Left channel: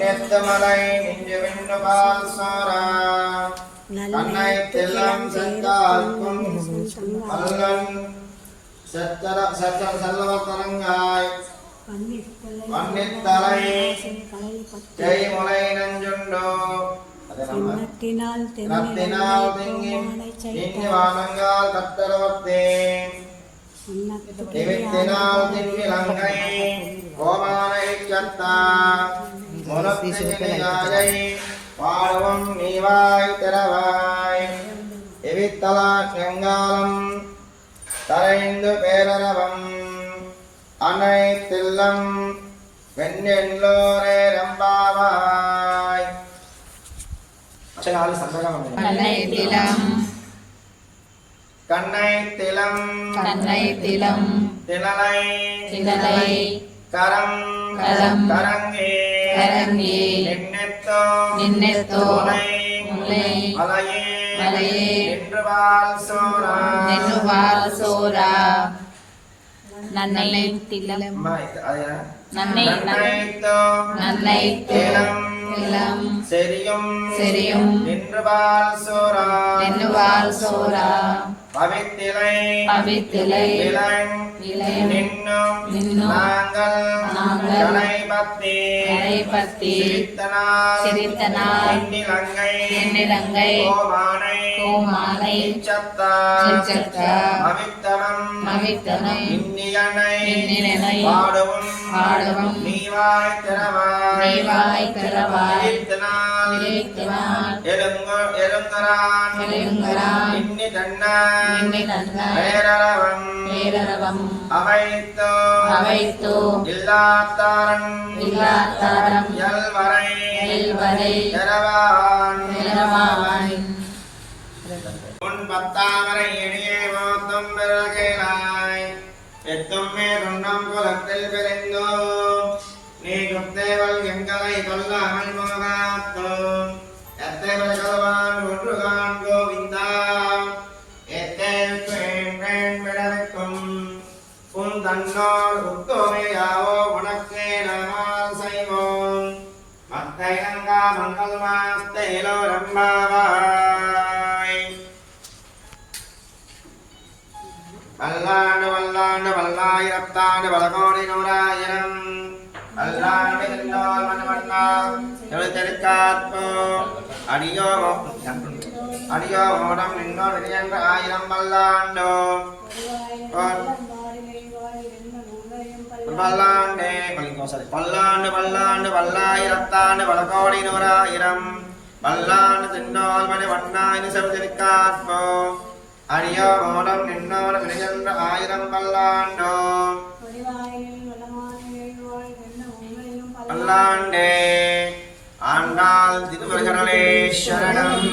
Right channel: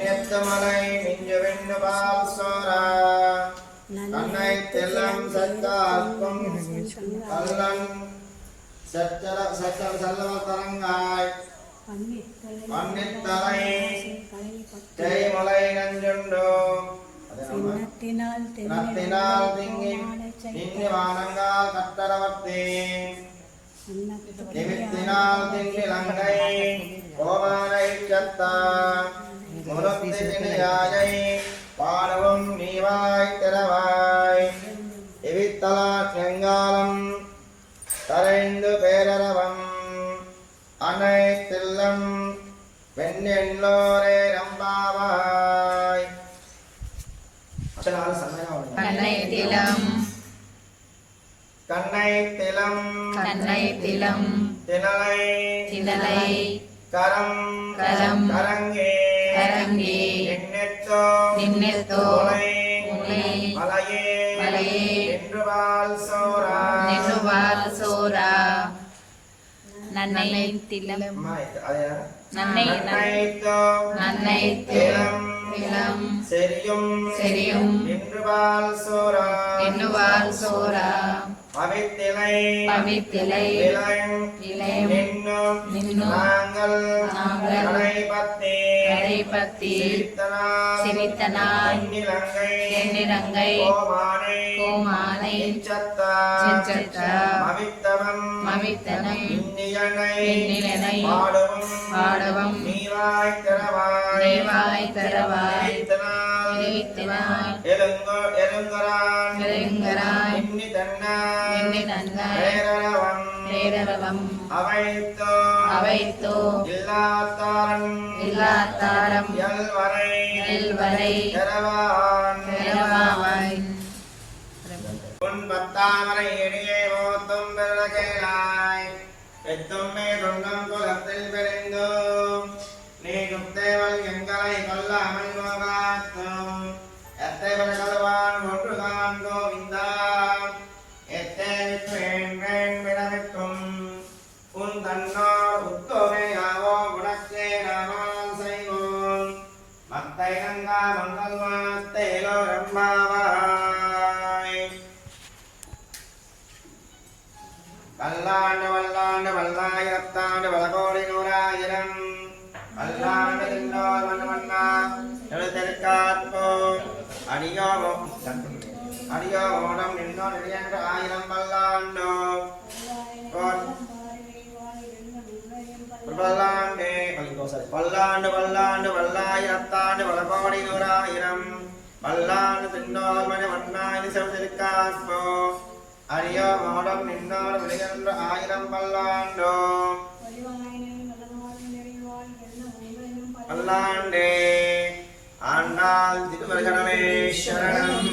மின்னெத்தமலை மிஞ்சு விண்ணு பால் சோரா கண்ணை தெல்லம் சத்தார்க்கும் அல்லன் சத்தம் செல்லவ தலங்காய் பன்னித்தலை ஜெயமுலை நஞ்சுண்டோ நத்தினால் திங்கி வானங்கால் கத்தரவத்தே நிமித்தினால் தின்னிலங்கை கோமானை சத்தா முனத்தியாயை பாடவம் நீவாய் திறவாய் எவித்தலா நெங்காலம் தரைந்து பேரரவம் அனைத்தில்லம் வெண்ணெல்லோரே ரம்பாவாய் கண்ணைத்திலம் கண்ணைத்திலம் கண்ணைத்திலம் திணலை திணலை கரம் கரம் கரங்கே கரங்கே நின்னெத்தோ நின்னெத்தோ முலை முலை மலையே மலையே நின்றுவால் சோரா நென்னுவால் சோரா நன்னைத்திலம் நன்னை நன்னைத்தோ நன்னைத்திலம் திலம் செரியும் செரியும் நின்றுவால் சோரா நென்னுவால் சோரா பவித்திலை பவித்திலை இளங் இளையம் நின்னும் நின்னும் நாங்கள் நாங்கள் கணைபத்தி கணைபத்தி சிரித்தனால் சிரித்தனால் எண்ணிலங்கை எண்ணிலங்கை கோமானை கோமானை இச்சத்தா செஞ்சத்தா மவித்தனம் மவித்தனம் இன்னியனை இன்னியனை பாடவும் பாடவும் நீவாய் திறவாய் நீவாய் திறவாய் சிரித்தனால் சிரித்தனால் எலுங்கரான் எலுங்கரான் இன்னி தன்னான் நின்னி நன்னாய் பேரரவம் பேரரவம் அவைத்தோ அவைத்தோ இல்லாத்தாரன் இல்லாத்தாரம் எல்வரை எல்வரை எரவான் எரவாவாய் உன் பத்தாமரை எடியே மோத்தும் பிறகேனாய் எத்தும்மே துண்டம் குலத்தில் பிரிந்தோ நீ குப்தேவல் எங்களை கொல்லாமல் போகாத்தோம் எத்தேவல் கல்வான் ஒன்று கான் கோவிந்தா எத்தேவுக்கு என்றேன் விடவிக்கும் உன் தன்னோர் உத்தோமையாவோ உனக்கே நாமால் செய்வோம் மத்தை நங்கா மங்கள் மாத்தேலோ ரம்பாவாய் பல்லாண்டு பல்லாண்டு பல்லாயிரத்தாண்டு பலகோடி நூறாயிரம் பல்லாண்டு நின்னோர் வண்ணவண்ணா எழுத்தெருக்காற்போ அடியோ மோடம் நின்னோர் இடையென்ற ஆயிரம் பல்லாண்டோ பல்லாண்டே பல்லாண்டு பல்லாண்டு பல்லாயிரத்தாண்டு பலகோடி நூறாயிரம் பல்லாண்டு தின்னோர் மணி வண்ணாயினி செவதிருக்காற்போ அடியோ மோடம் நின்னோர் இடையென்ற ஆயிரம் பல்லாண்டோ பல்லாண்டே ஆண்டாள் திருவருகனலே சரணம்